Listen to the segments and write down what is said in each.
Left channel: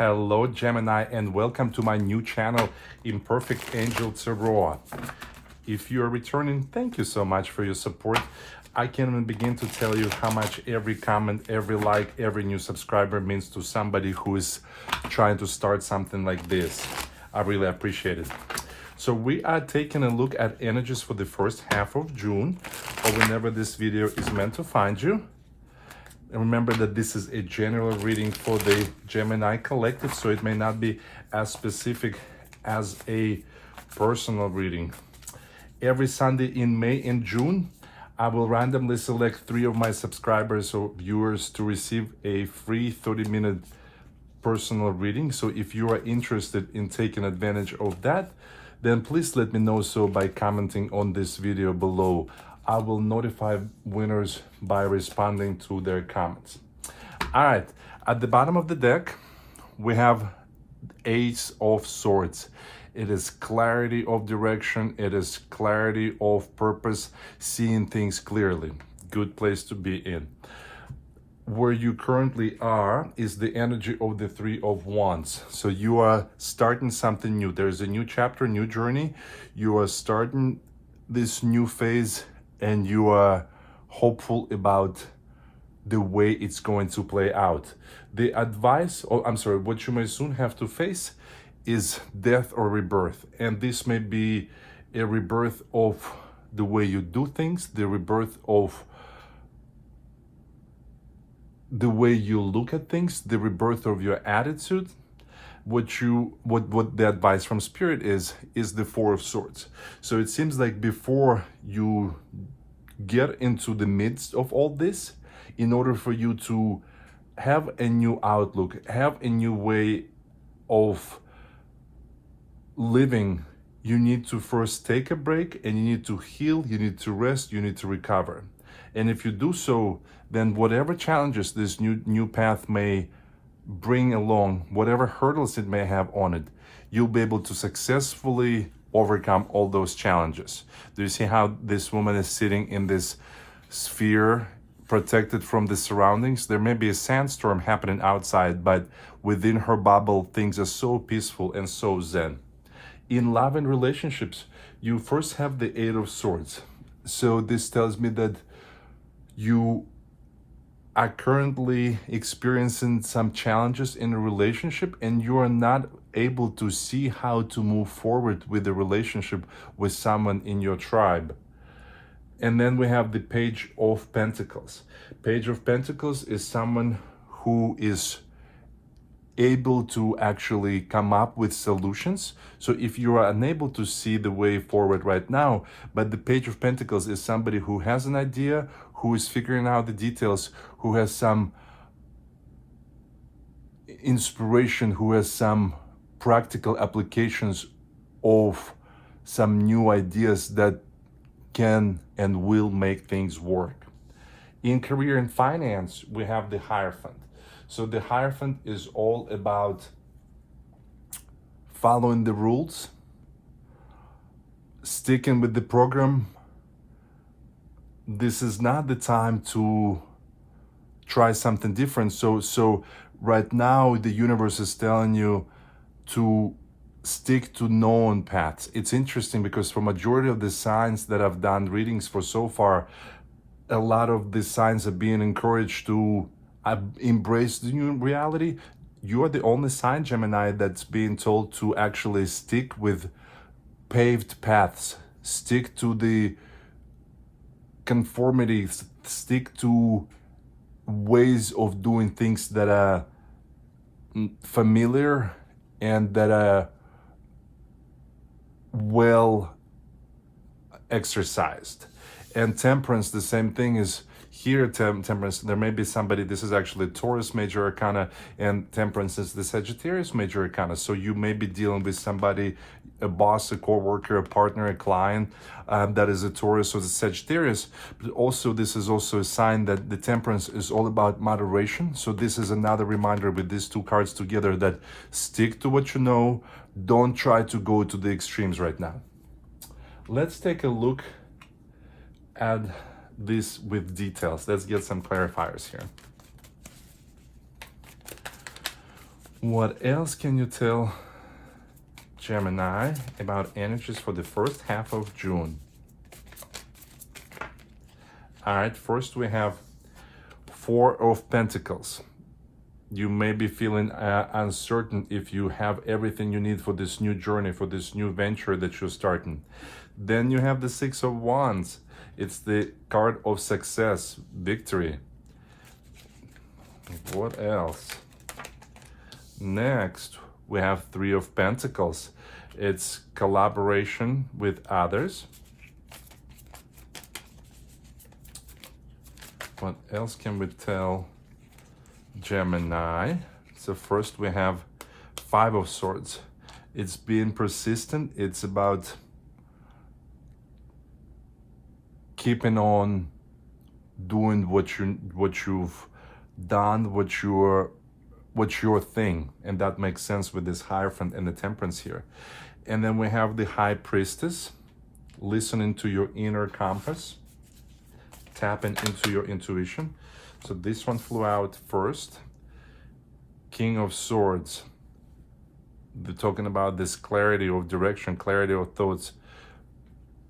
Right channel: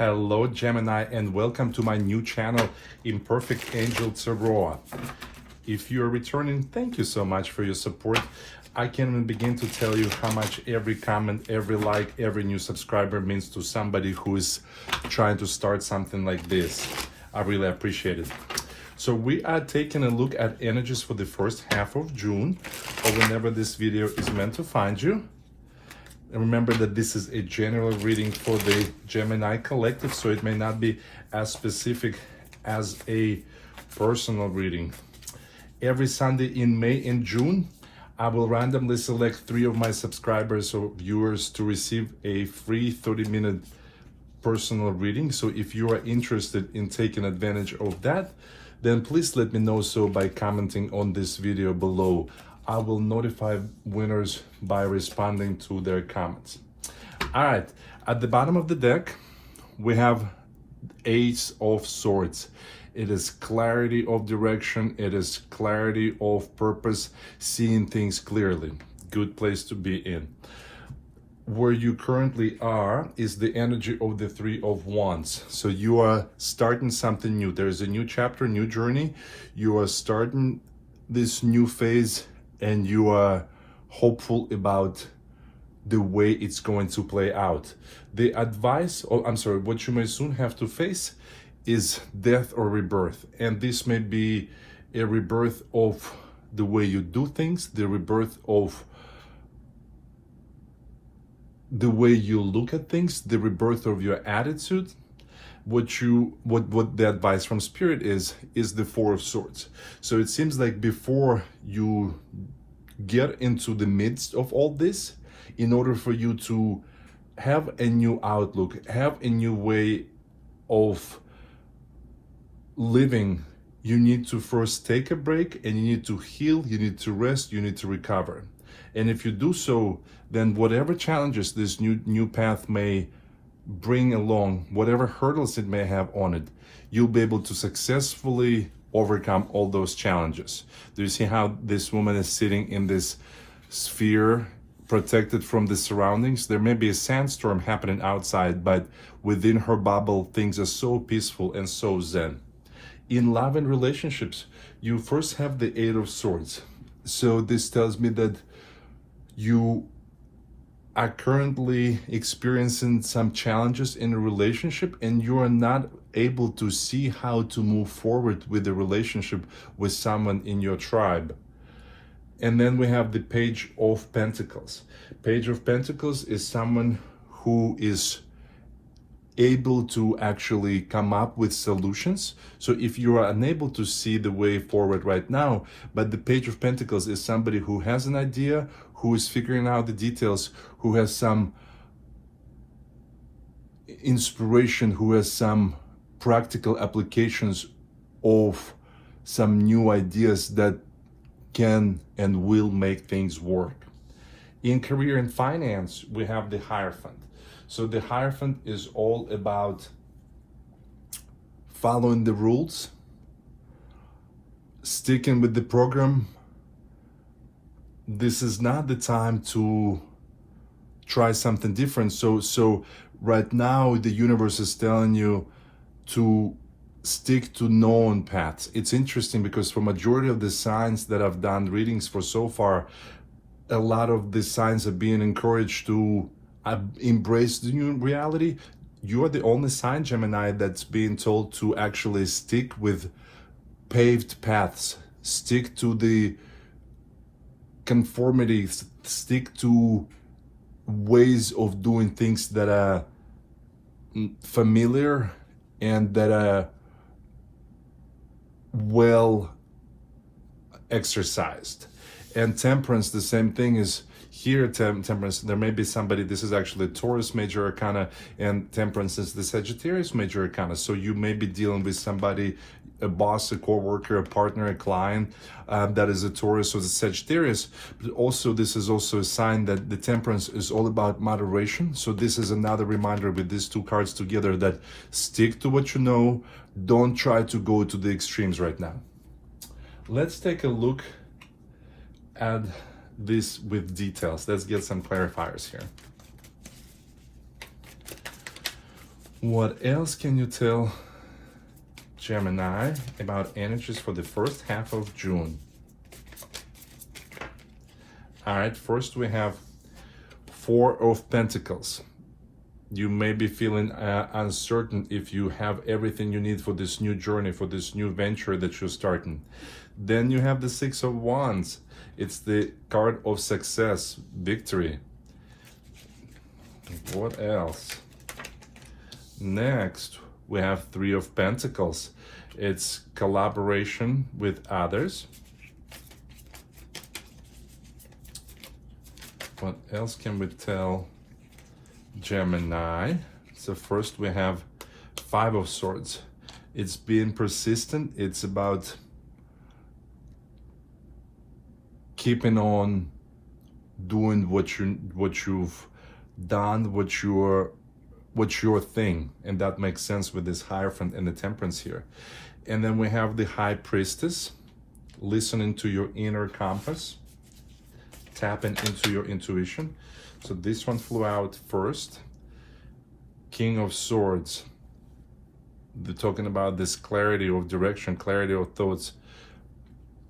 Hello Gemini, and welcome to my new channel, Imperfect Angel Tarot. If you're returning, thank you so much for your support. I can't even begin to tell you how much every comment, every like, every new subscriber means to somebody who is trying to start something like this. I really appreciate it. So we are taking a look at energies for the first half of June, or whenever this video is meant to find you. And remember that this is a general reading for the Gemini collective, so it may not be as specific as a personal reading. Every Sunday in May and June, I will randomly select 3 of my subscribers or viewers to receive a free 30-minute personal reading. So if you are interested in taking advantage of that, then please let me know so by commenting on this video below. I will notify winners by responding to their comments. All right, at the bottom of the deck, we have Ace of Swords. It is clarity of direction. It is clarity of purpose, seeing things clearly. Good place to be in. Where you currently are is the energy of the Three of Wands. So you are starting something new. There's a new chapter, new journey. You are starting this new phase, and you are hopeful about the way it's going to play out. The advice, what you may soon have to face is death or rebirth. And this may be a rebirth of the way you do things, the rebirth of the way you look at things, the rebirth of your attitude. What the advice from Spirit is the Four of Swords. So it seems like before you get into the midst of all this, in order for you to have a new outlook, have a new way of living, you need to first take a break, and you need to heal, you need to rest, you need to recover. And if you do so, then whatever challenges this new path may bring along, whatever hurdles it may have on it, you'll be able to successfully overcome all those challenges. Do you see how this woman is sitting in this sphere, protected from the surroundings? There may be a sandstorm happening outside, but within her bubble, things are so peaceful and so zen. In love and relationships, you first have the Eight of Swords. So this tells me that you are currently experiencing some challenges in a relationship, and you are not able to see how to move forward with the relationship with someone in your tribe. And then we have the Page of Pentacles. Page of Pentacles is someone who is able to actually come up with solutions. So if you are unable to see the way forward right now, but the Page of Pentacles is somebody who has an idea, who is figuring out the details, who has some inspiration, who has some practical applications of some new ideas that can and will make things work. In career and finance, we have the Hierophant. So the Hierophant is all about following the rules, sticking with the program. This is not the time to try something different. So right now the universe is telling you to stick to known paths. It's interesting because for majority of the signs that I've done readings for so far, a lot of the signs are being encouraged to embrace the new reality. You're the only sign, Gemini, that's being told to actually stick with paved paths, stick to the conformity, stick to ways of doing things that are familiar and that are well exercised. And Temperance, the same thing is here. Temperance, there may be somebody, this is actually Taurus major arcana, and Temperance is the Sagittarius major arcana. So you may be dealing with somebody, a boss, a co-worker, a partner, a client that is a Taurus or the Sagittarius. But also this is also a sign that the Temperance is all about moderation. So this is another reminder with these two cards together that stick to what you know. Don't try to go to the extremes right now. Let's take a look at this with details. Let's get some clarifiers here. What else can you tell Gemini about energies for the first half of June? All right, first we have Four of Pentacles. You may be feeling uncertain if you have everything you need for this new journey, for this new venture that you're starting. Then you have the Six of Wands. It's the card of success, victory. What else? Next, we have Three of Pentacles. It's collaboration with others. What else can we tell Gemini? So first we have Five of Swords. It's being persistent. It's about keeping on doing what you've done, what's your thing, and that makes sense with this Hierophant and the Temperance here. And then we have the High Priestess, listening to your inner compass, tapping into your intuition. So this one flew out first. King of Swords. They're talking about this clarity of direction, clarity of thoughts.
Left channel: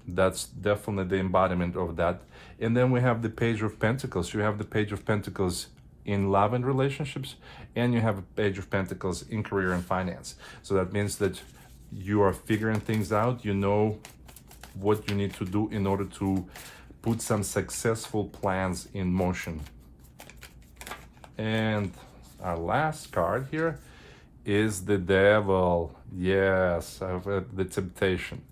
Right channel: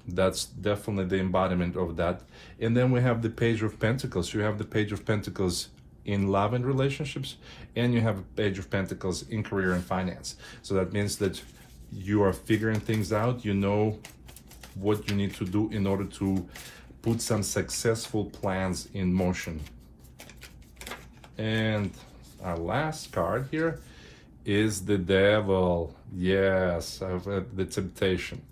That's definitely the embodiment of that. And then we have the Page of Pentacles. You have the Page of Pentacles in love and relationships, and you have a Page of Pentacles in career and finance. So that means that you are figuring things out. You know what you need to do in order to put some successful plans in motion. And our last card here is the Devil. Yes, the Temptation.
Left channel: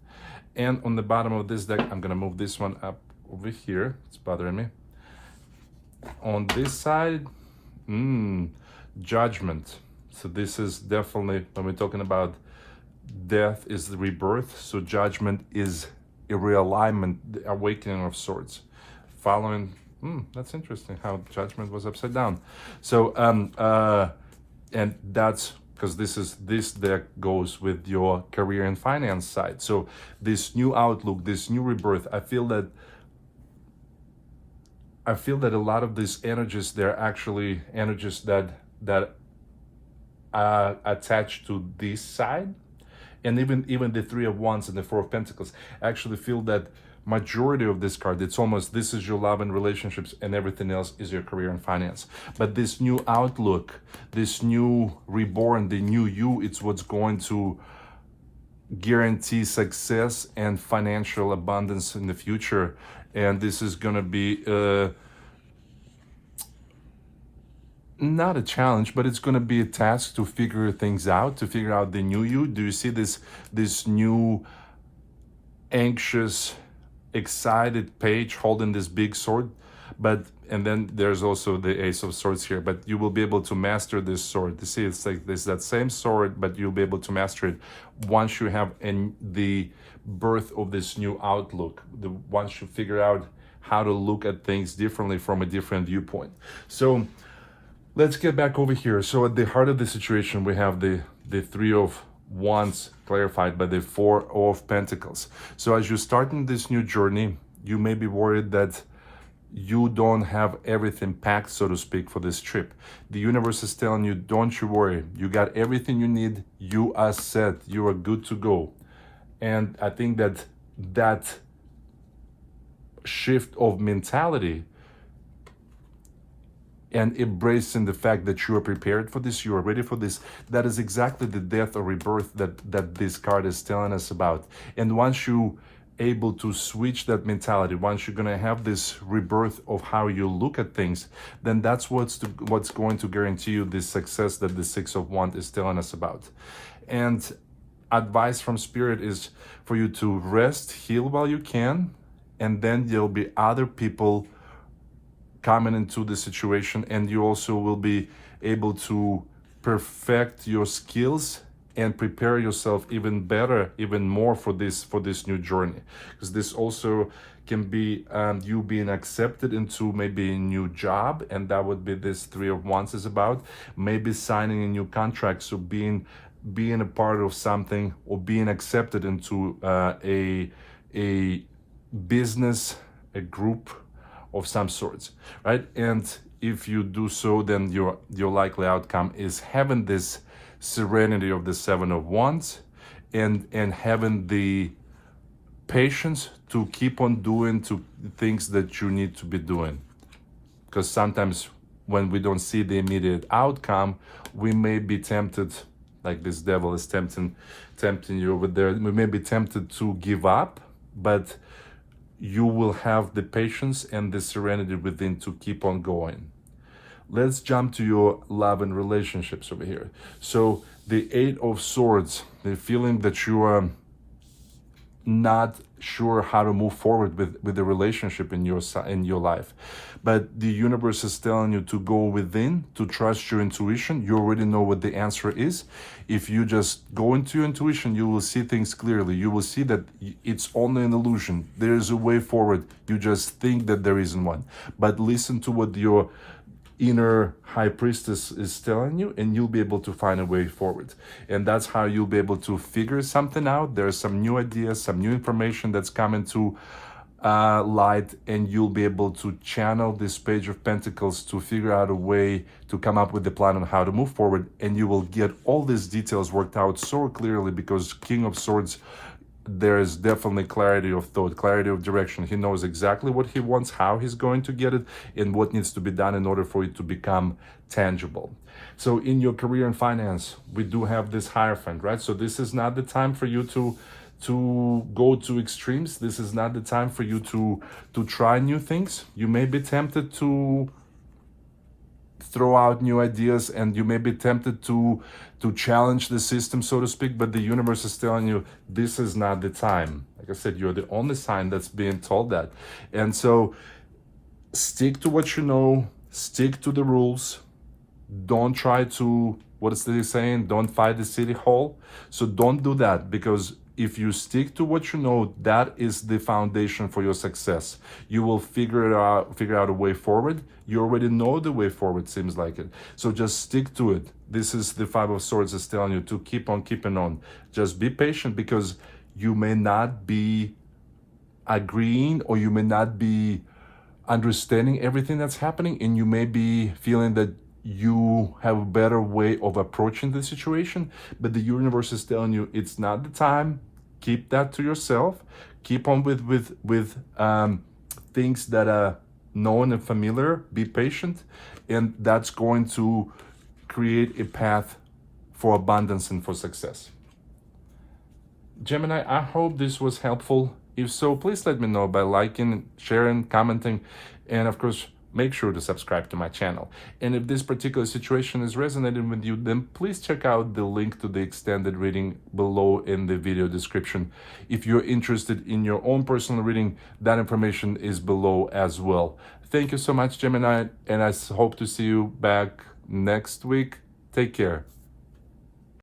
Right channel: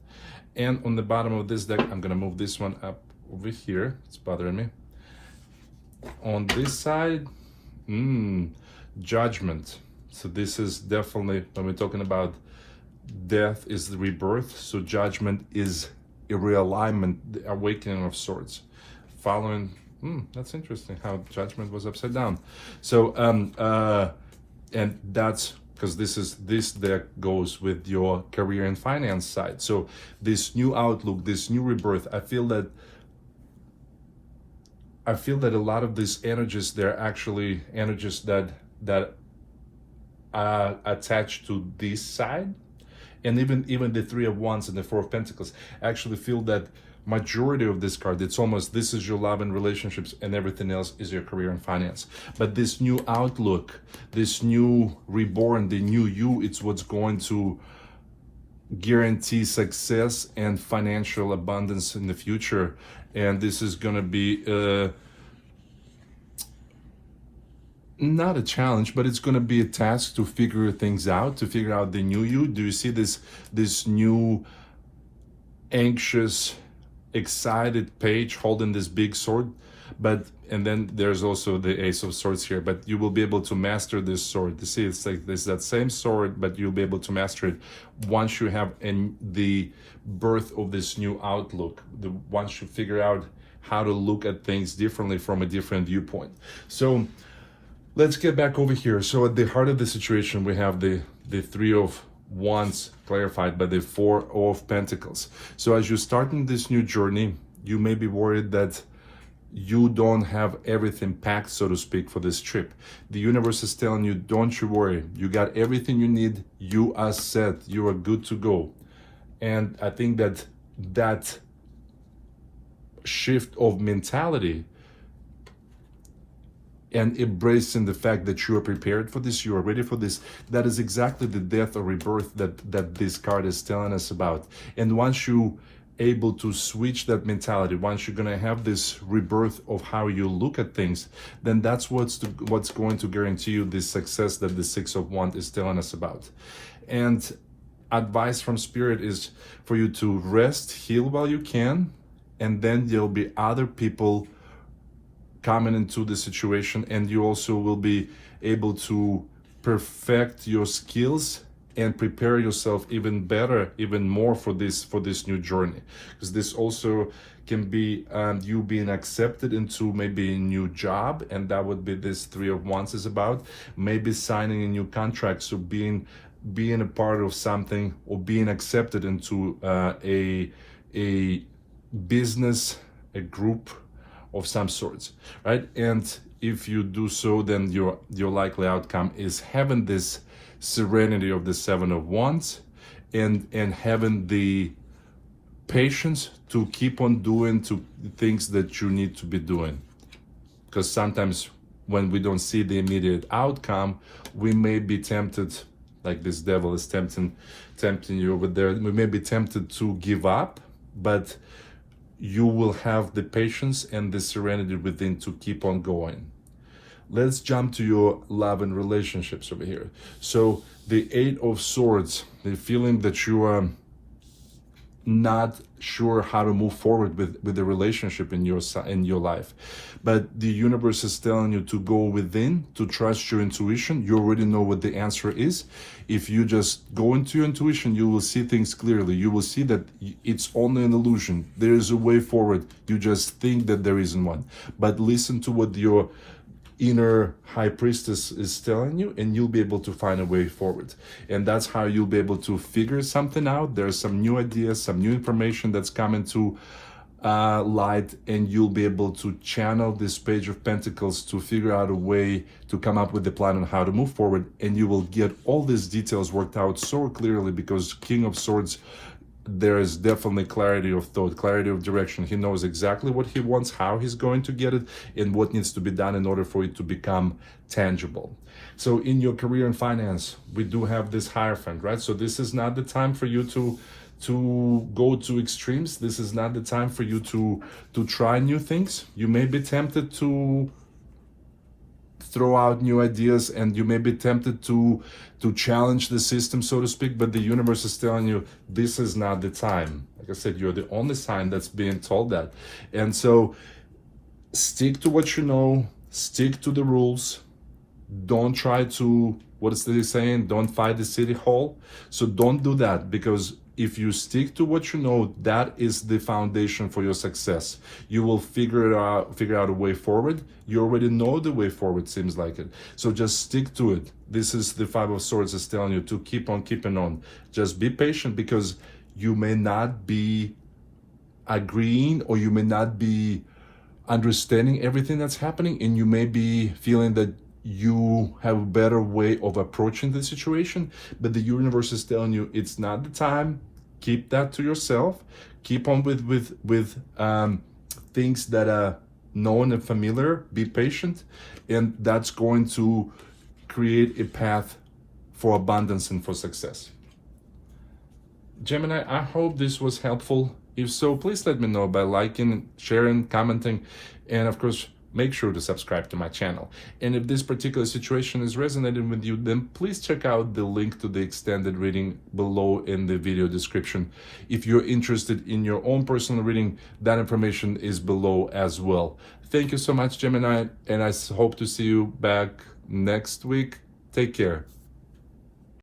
And on the bottom of this deck, I'm gonna move this one up over here. It's bothering me. On this side, Judgment. So this is definitely, when we're talking about death is the rebirth, so Judgment is a realignment, the awakening of sorts. Following, that's interesting how Judgment was upside down. So, and that's because this deck goes with your career and finance side. So this new outlook, this new rebirth, I feel that a lot of these energies, they're actually energies that are attached to this side. And even the Three of Wands and the Four of Pentacles, I actually feel that majority of this card, it's almost, this is your love and relationships, and everything else is your career and finance. But this new outlook, this new reborn, the new you, it's what's going to guarantee success and financial abundance in the future. And this is going to be not a challenge, but it's going to be a task to figure things out, to figure out the new you. Do you see this new anxious, excited page holding this big sword? And then there's also the Ace of Swords here, but you will be able to master this sword. You see, it's like this, that same sword, but you'll be able to master it once you have the birth of this new outlook, once you figure out how to look at things differently from a different viewpoint. So let's get back over here. So at the heart of the situation, we have the Three of Wands clarified by the Four of Pentacles. So as you're starting this new journey, you may be worried that you don't have everything packed, so to speak, for this trip. The universe is telling you, don't you worry. You got everything you need. You are set. You are good to go. And I think that shift of mentality and embracing the fact that you are prepared for this, you are ready for this, that is exactly the death or rebirth that this card is telling us about. And once you able to switch that mentality, once you're going to have this rebirth of how you look at things, then that's what's going to guarantee you the success that the Six of Wands is telling us about. And advice from Spirit is for you to rest, heal while you can, and then there'll be other people coming into the situation, and you also will be able to perfect your skills and prepare yourself even better, even more for this new journey. Because this also can be you being accepted into maybe a new job, and that would be this Three of Wands is about. Maybe signing a new contract, so being a part of something, or being accepted into a business, a group of some sorts, right? And if you do so, then your likely outcome is having this serenity of the Seven of Wands, and having the patience to keep on doing to things that you need to be doing. Because sometimes when we don't see the immediate outcome, we may be tempted, like this devil is tempting you over there, we may be tempted to give up, but you will have the patience and the serenity within to keep on going. Let's jump to your love and relationships over here. So the Eight of Swords, the feeling that you are not sure how to move forward with the relationship in your life, but the universe is telling you to go within, to trust your intuition. You already know what the answer is. If you just go into your intuition, you will see things clearly. You will see that it's only an illusion. There is a way forward. You just think that there isn't one. But listen to what your inner high priestess is telling you, and you'll be able to find a way forward. And that's how you'll be able to figure something out. There's some new ideas, some new information that's coming to light, and you'll be able to channel this Page of Pentacles to figure out a way to come up with the plan on how to move forward. And you will get all these details worked out so clearly, because King of Swords, there is definitely clarity of thought, clarity of direction. He knows exactly what he wants, how he's going to get it, and what needs to be done in order for it to become tangible. So in your career and finance, we do have this Hierophant, right? So this is not the time for you to go to extremes. This is not the time for you to try new things. You may be tempted to throw out new ideas, and you may be tempted to challenge the system, so to speak, but the universe is telling you this is not the time. Like I said, you're the only sign that's being told that. And so stick to what you know, stick to the rules. Don't try to, what is they saying? Don't fight the city hall. So don't do that, because if you stick to what you know, that is the foundation for your success. You will figure out a way forward. You already know the way forward, seems like it. So just stick to it. This is the Five of Swords is telling you to keep on keeping on. Just be patient, because you may not be agreeing, or you may not be understanding everything that's happening, and you may be feeling that you have a better way of approaching the situation, but the universe is telling you it's not the time. Keep that to yourself. Keep on with things that are known and familiar. Be patient, and that's going to create a path for abundance and for success. Gemini, I hope this was helpful. If so, please let me know by liking, sharing, commenting, and of course, make sure to subscribe to my channel. And if this particular situation is resonating with you, then please check out the link to the extended reading below in the video description. If you're interested in your own personal reading, that information is below as well. Thank you so much, Gemini, and I hope to see you back next week. Take care.